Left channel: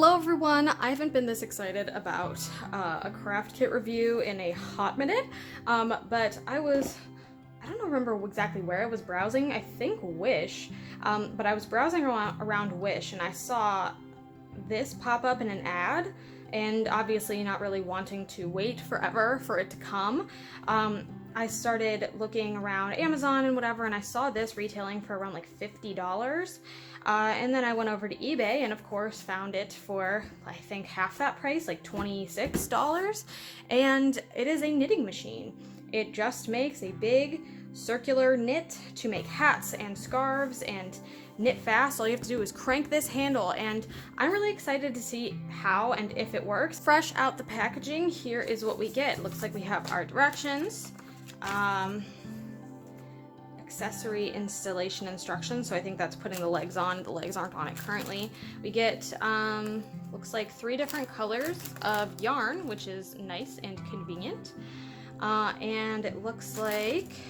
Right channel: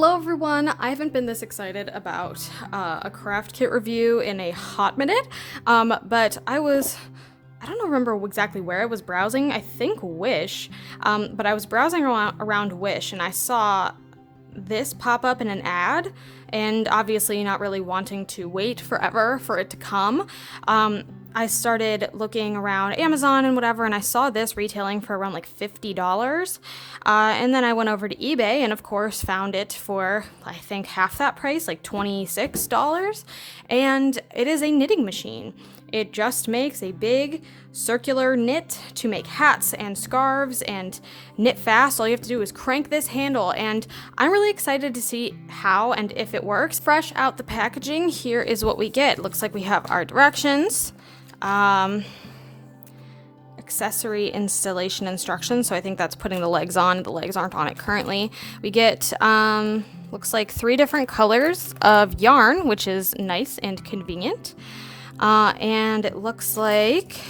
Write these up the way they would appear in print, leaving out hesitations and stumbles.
Hello everyone! I haven't been this excited about a craft kit review in a hot minute, but I don't remember exactly where I was browsing, I think Wish, but I was browsing around Wish and I saw this pop up in an ad, and obviously not really wanting to wait forever for it to come. I started looking around Amazon and whatever, and I saw this retailing for around like $50. And then I went over to eBay and, of course, found it for I think half that price, like $26. And it is a knitting machine. It just makes a big circular knit to make hats and scarves and knit fast. All you have to do is crank this handle, and I'm really excited to see how and if it works. Fresh out the packaging, here is what we get. Looks like we have our directions, accessory installation instructions, so I think that's putting the legs on. The legs aren't on it currently. We get looks like 3 different colors of yarn, which is nice and convenient. And it looks like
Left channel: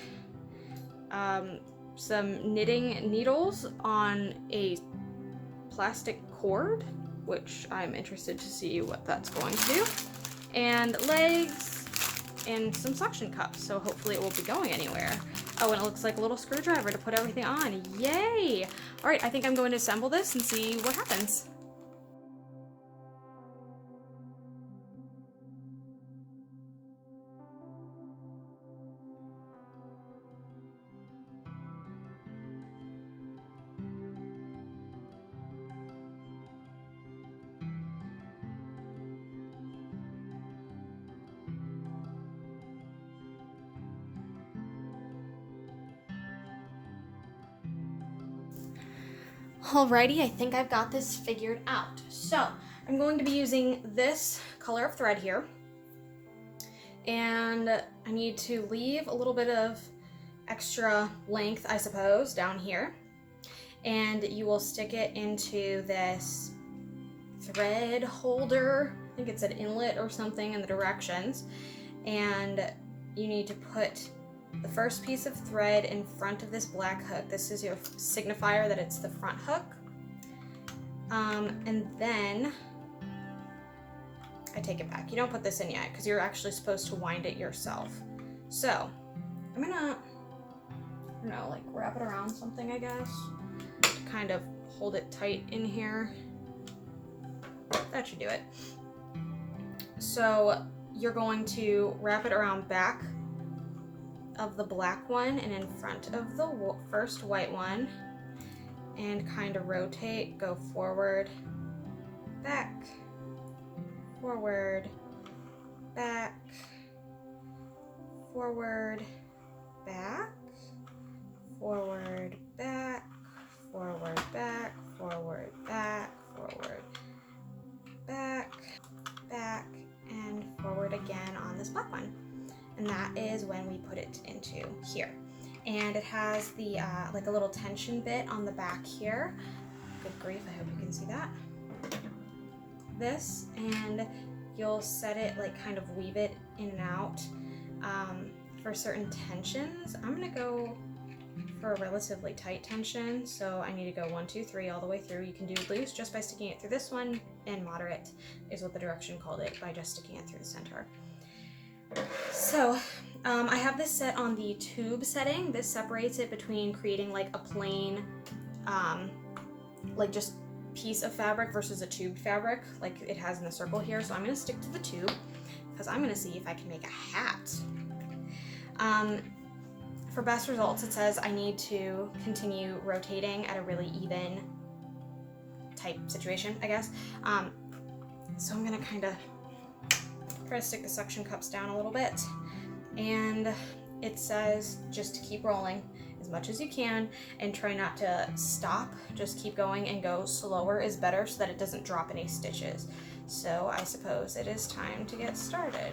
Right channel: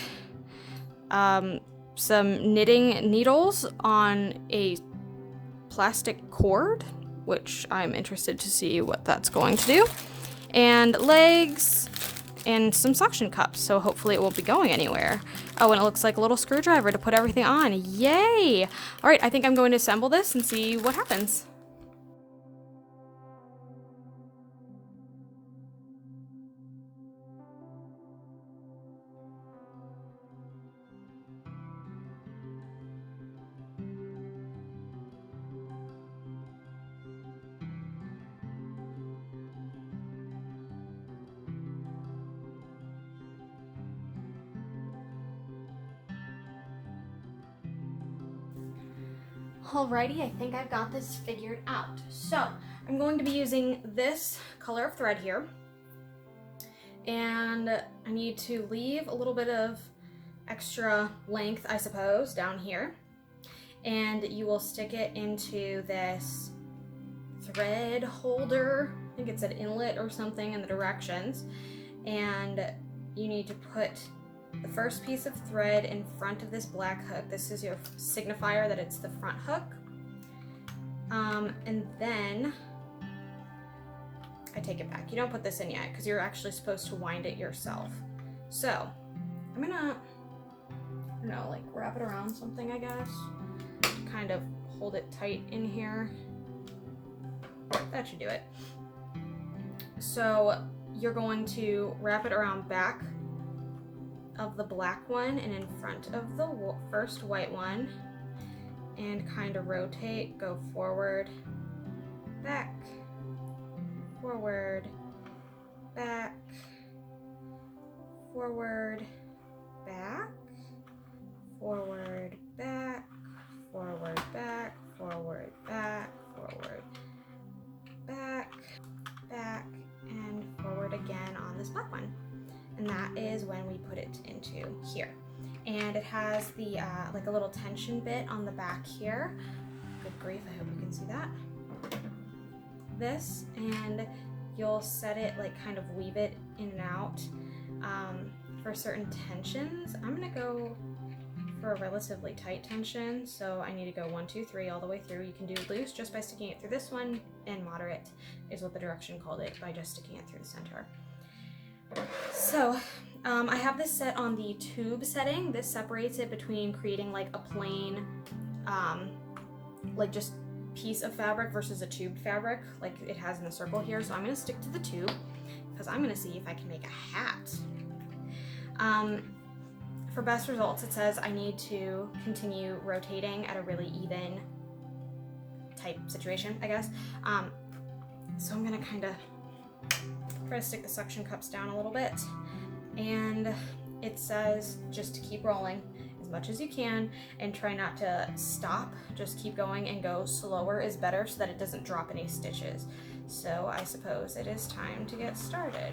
some knitting needles on a plastic cord, which I'm interested to see what that's going to do, and legs and some suction cups, so hopefully it won't be going anywhere. Oh, and it looks like a little screwdriver to put everything on. Yay! All right, I think I'm going to assemble this and see what happens. Alrighty, I think I've got this figured out. So I'm going to be using this color of thread here, and I need to leave a little bit of extra length, I suppose, down here, and you will stick it into this thread holder. I think it's an inlet or something in the directions, and you need to put the first piece of thread in front of this black hook. This is your signifier that it's the front hook. And then I take it back. You don't put this in yet because you're actually supposed to wind it yourself. So I'm gonna, I don't know, like wrap it around something, I guess, to kind of hold it tight in here. That should do it. So you're going to wrap it around back of the black one and in front of the first white one, and kind of rotate, go forward, back, forward, back, forward, back, forward, back, forward, back, forward, back, forward, back, back, and forward again on this black one. And that is when we put it into here. And it has the like a little tension bit on the back here. Good grief, I hope you can see that. This, and you'll set it, like kind of weave it in and out for certain tensions. I'm gonna go for a relatively tight tension, so I need to go 1, 2, 3 all the way through. You can do loose just by sticking it through this one, and moderate is what the direction called it, by just sticking it through the center. So I have this set on the tube setting. This separates it between creating like a plain like just piece of fabric versus a tubed fabric like it has in the circle here. So I'm going to stick to the tube because I'm going to see if I can make a hat. For best results, it says I need to continue rotating at a really even type situation, I guess. So I'm going to kind of try to stick the suction cups down a little bit, and it says just to keep rolling as much as you can and try not to stop. Just keep going, and go slower is better so that it doesn't drop any stitches. So I suppose it is time to get started.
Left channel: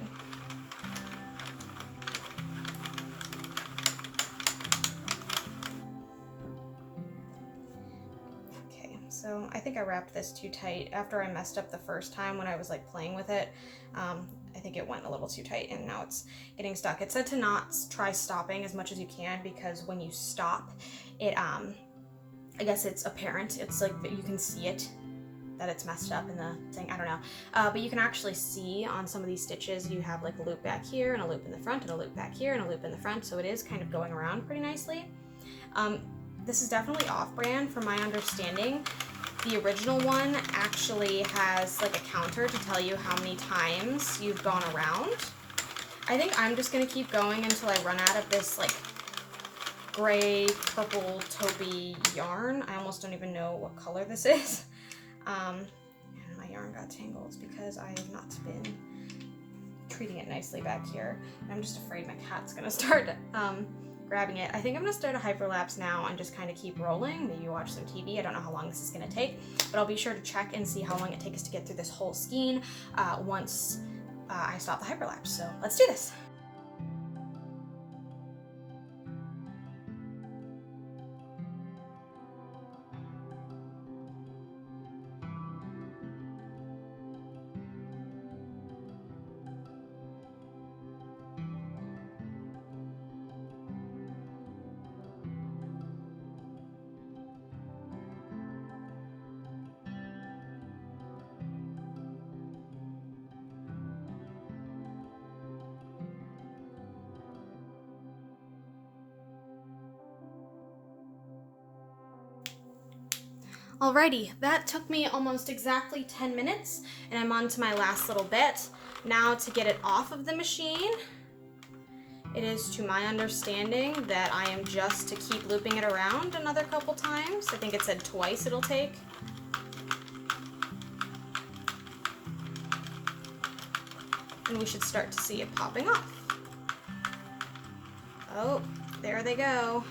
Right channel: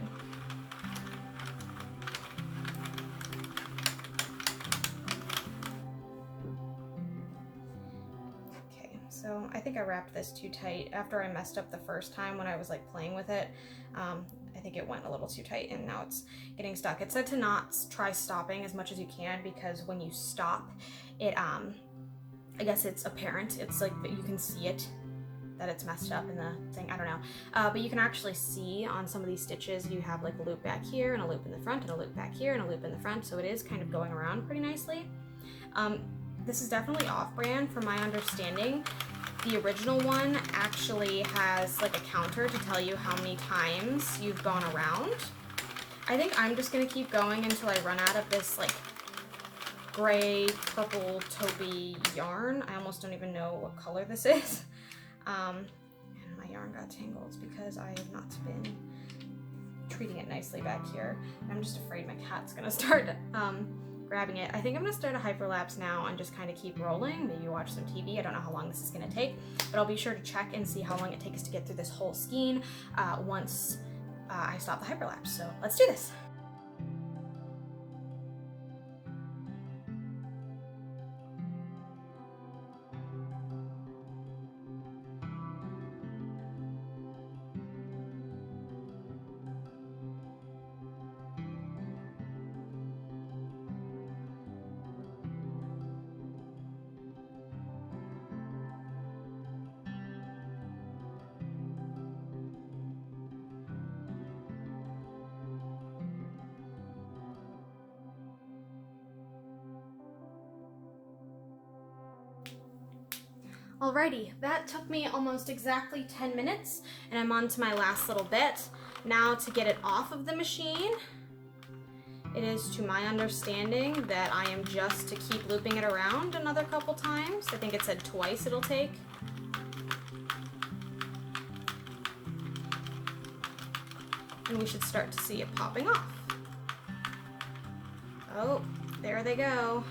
Okay, so I think I wrapped this too tight after I messed up the first time when I was like playing with it. I think it went a little too tight and now it's getting stuck. It said to not try stopping as much as you can, because when you stop, it I guess it's apparent. It's like that you can see it that it's messed up in the thing, I don't know. But you can actually see on some of these stitches, you have like a loop back here and a loop in the front and a loop back here and a loop in the front, so it is kind of going around pretty nicely. This is definitely off-brand from my understanding. The original one actually has like a counter to tell you how many times you've gone around. I think I'm just gonna keep going until I run out of this like gray, purple, taupey yarn. I almost don't even know what color this is. And my yarn got tangled because I have not been treating it nicely back here. I'm just afraid my cat's gonna start grabbing it. I think I'm gonna start a hyperlapse now and just kind of keep rolling, maybe watch some TV. I don't know how long this is gonna take, but I'll be sure to check and see how long it takes to get through this whole skein once I stop the hyperlapse. So let's do this. Alrighty, that took me almost exactly 10 minutes, and I'm on to my last little bit. Now to get it off of the machine, it is to my understanding that I am just to keep looping it around another couple times. I think it said twice it'll take. And we should start to see it popping off. Oh, there they go.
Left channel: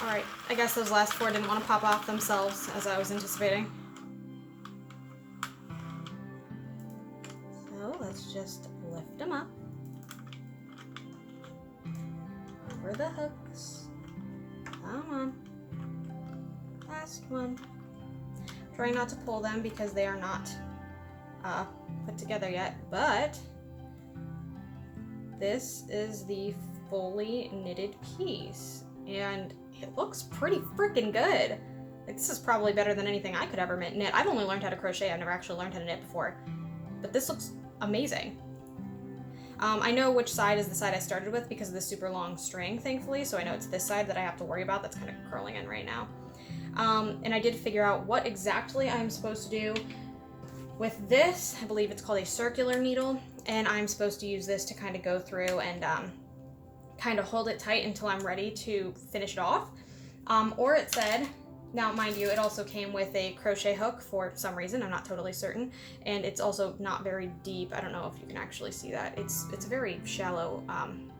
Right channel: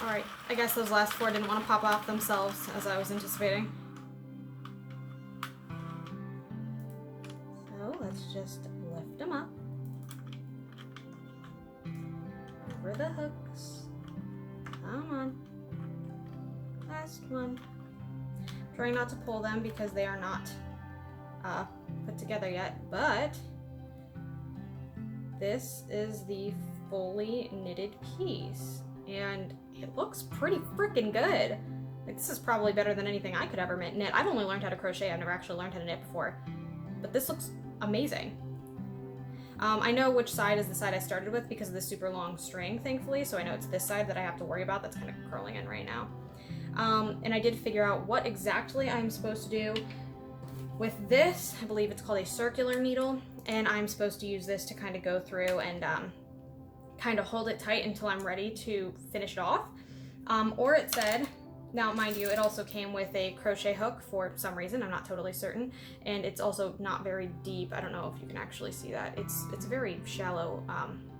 Alright, I guess those last four didn't want to pop off themselves as I was anticipating. So let's just lift them up over the hooks. Come on. Last one. Trying not to pull them because they are not put together yet, but this is the fully knitted piece, and it looks pretty freaking good. Like, this is probably better than anything I could ever knit. I've only learned how to crochet. I've never actually learned how to knit before, but this looks amazing. I know which side is the side I started with because of the super long string, thankfully, so I know it's this side that I have to worry about that's kind of curling in right now. And I did figure out what exactly I'm supposed to do with this. I believe it's called a circular needle, and I'm supposed to use this to kind of go through and kind of hold it tight until I'm ready to finish it off. Or it said, now mind you, it also came with a crochet hook for some reason, I'm not totally certain, and it's also not very deep. I don't know if you can actually see that. It's very shallow,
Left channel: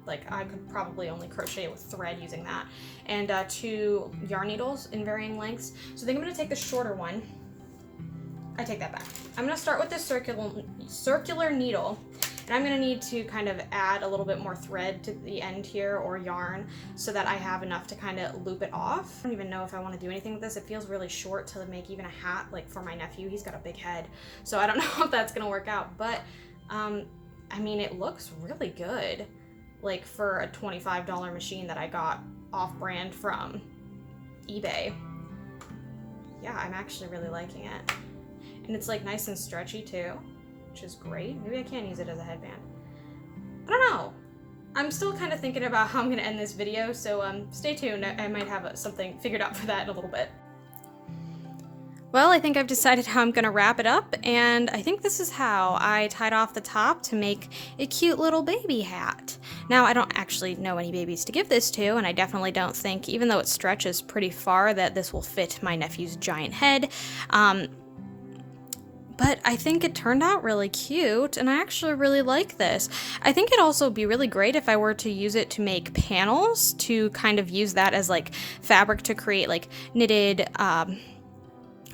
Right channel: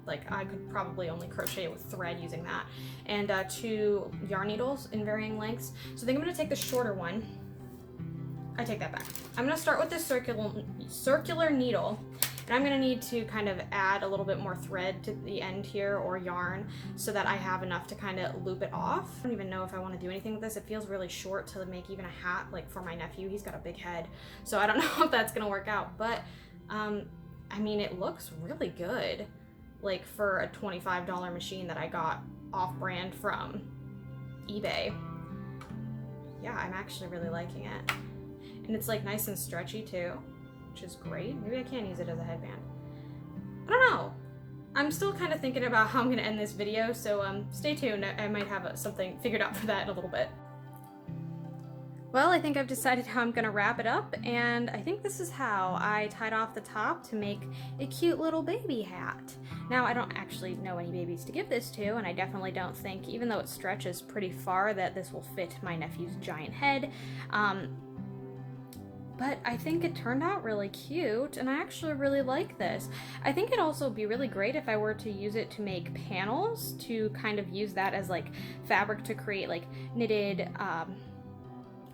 like I could probably only crochet with thread using that, and 2 yarn needles in varying lengths. So I think I'm gonna take the shorter one. I take that back. I'm gonna start with this circular needle, and I'm gonna need to kind of add a little bit more thread to the end here, or yarn, so that I have enough to kind of loop it off. I don't even know if I want to do anything with this. It feels really short to make even a hat, like for my nephew. He's got a big head, so I don't know if that's gonna work out, but I mean, it looks really good, like for a $25 machine that I got off-brand from eBay. Yeah, I'm actually really liking it. And it's like nice and stretchy too, which is great. Maybe I can use it as a headband. I don't know. I'm still kind of thinking about how I'm gonna end this video, so stay tuned. I might have something figured out for that in a little bit. Well, I think I've decided how I'm gonna wrap it up, and I think this is how I tied off the top to make a cute little baby hat. Now, I don't actually know any babies to give this to, and I definitely don't think, even though it stretches pretty far, that this will fit my nephew's giant head. But I think it turned out really cute, and I actually really like this. I think it'd also be really great if I were to use it to make panels, to kind of use that as like fabric to create like knitted,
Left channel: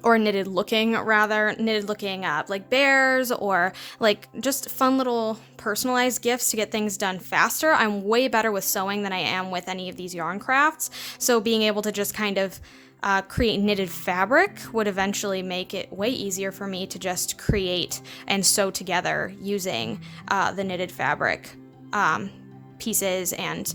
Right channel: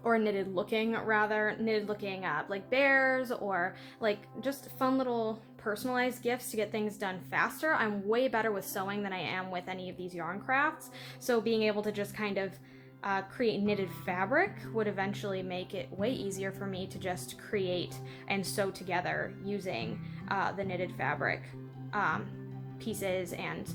or knitted looking like bears, or like just fun little personalized gifts to get things done faster. I'm way better with sewing than I am with any of these yarn crafts, so being able to just kind of create knitted fabric would eventually make it way easier for me to just create and sew together using the knitted fabric pieces and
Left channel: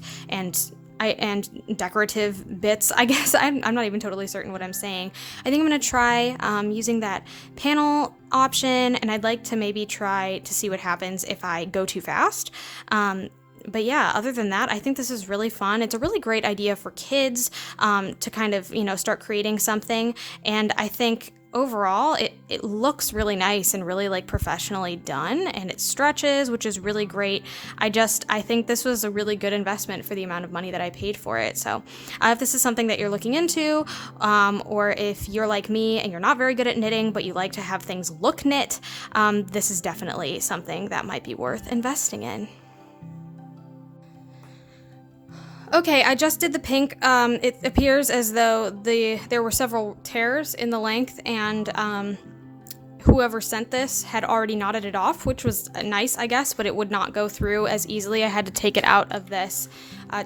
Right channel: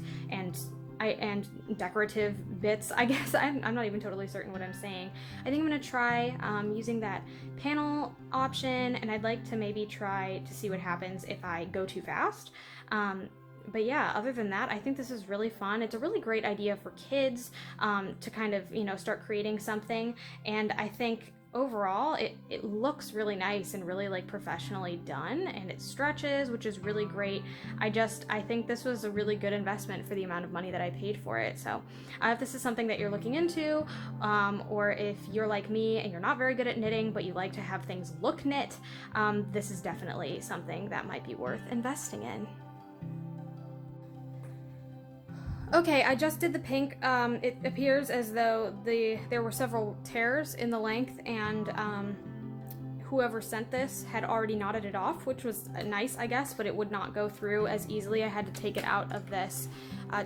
decorative bits. I guess I'm not even totally certain what I'm saying. I think I'm gonna try using that panel option, and I'd like to maybe try to see what happens if I go too fast. But yeah, other than that, I think this is really fun. It's a really great idea for kids to kind of, start creating something. And I think overall it looks really nice and really like professionally done, and it stretches, which is really great. I think this was a really good investment for the amount of money that I paid for it. So if this is something that you're looking into, or if you're like me and you're not very good at knitting but you like to have things look knit, this is definitely something that might be worth investing in. Okay, I just did the pink. It appears as though there were several tears in the length, and whoever sent this had already knotted it off, which was nice, I guess, but it would not go through as easily. I had to take it out of this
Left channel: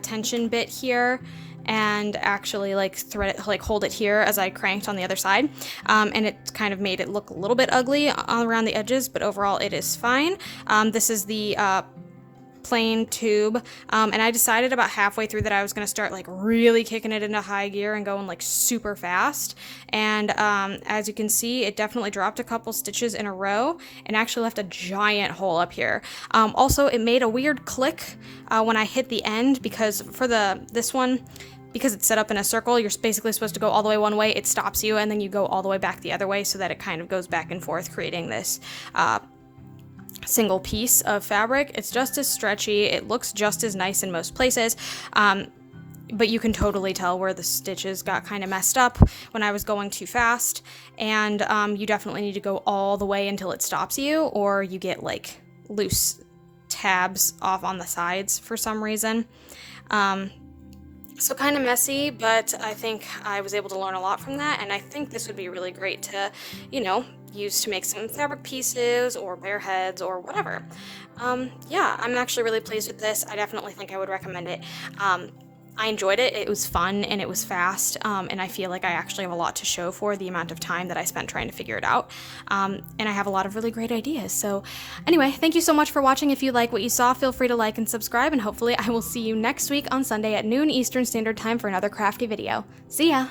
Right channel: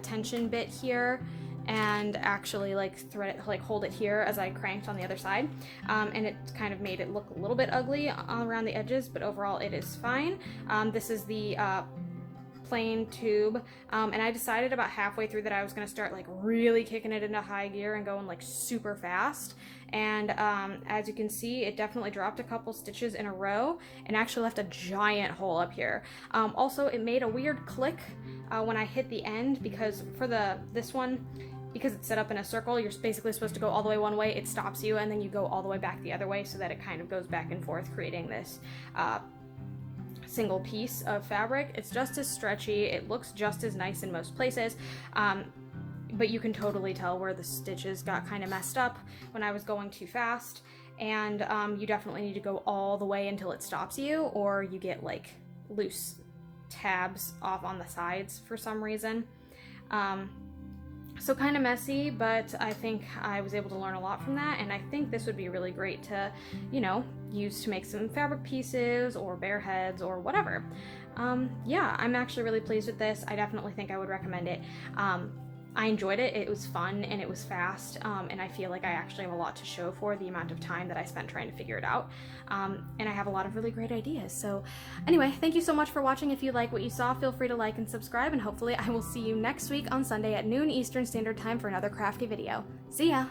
tension bit here and actually thread it, hold it here as I cranked on the other side, and it kind of made it look a little bit ugly around the edges, but overall it is fine. This is the plain tube, and I decided about halfway through that I was going to start really kicking it into high gear and going super fast, and as you can see, it definitely dropped a couple stitches in a row and actually left a giant hole up here. Also, it made a weird click when I hit the end, because for this one, because it's set up in a circle, you're basically supposed to go all the way one way, it stops you, and then you go all the way back the other way so that it kind of goes back and forth, creating this single piece of fabric. It's just as stretchy, it looks just as nice in most places, but you can totally tell where the stitches got kind of messed up when I was going too fast, and you definitely need to go all the way until it stops you, or you get loose tabs off on the sides for some reason. So kind of messy, but I think I was able to learn a lot from that, and I think this would be really great to, use to make some fabric pieces or bear heads or whatever. Yeah, I'm actually really pleased with this. I definitely think I would recommend it. I enjoyed it. It was fun and it was fast, and I feel like I actually have a lot to show for the amount of time that I spent trying to figure it out, and I have a lot of really great ideas. So anyway, thank you so much for watching. If you like what you saw, feel free to like and subscribe, and hopefully I will see you next week on Sunday at noon Eastern Standard Time for another crafty video. See ya!